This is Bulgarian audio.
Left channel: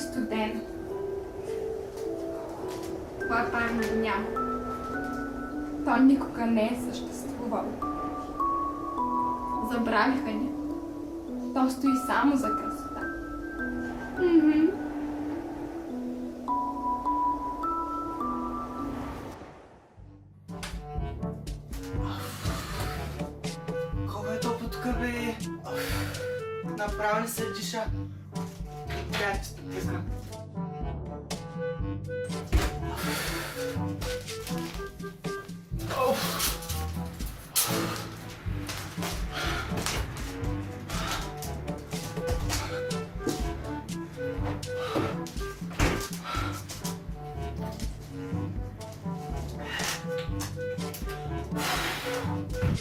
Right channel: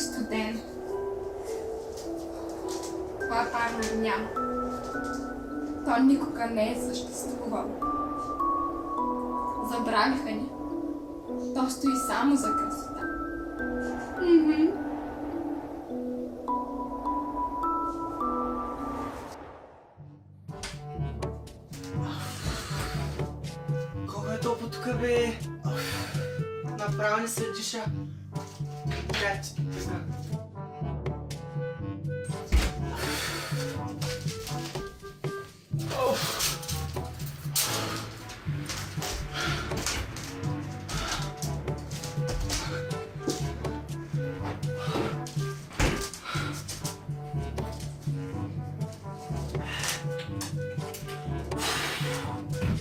студен. Това там го няма. То никога не е съществувало. Забравиха ни. То стои само за красота. Колко е топло тук, бе? Направо не се диша. Приятели, не знам.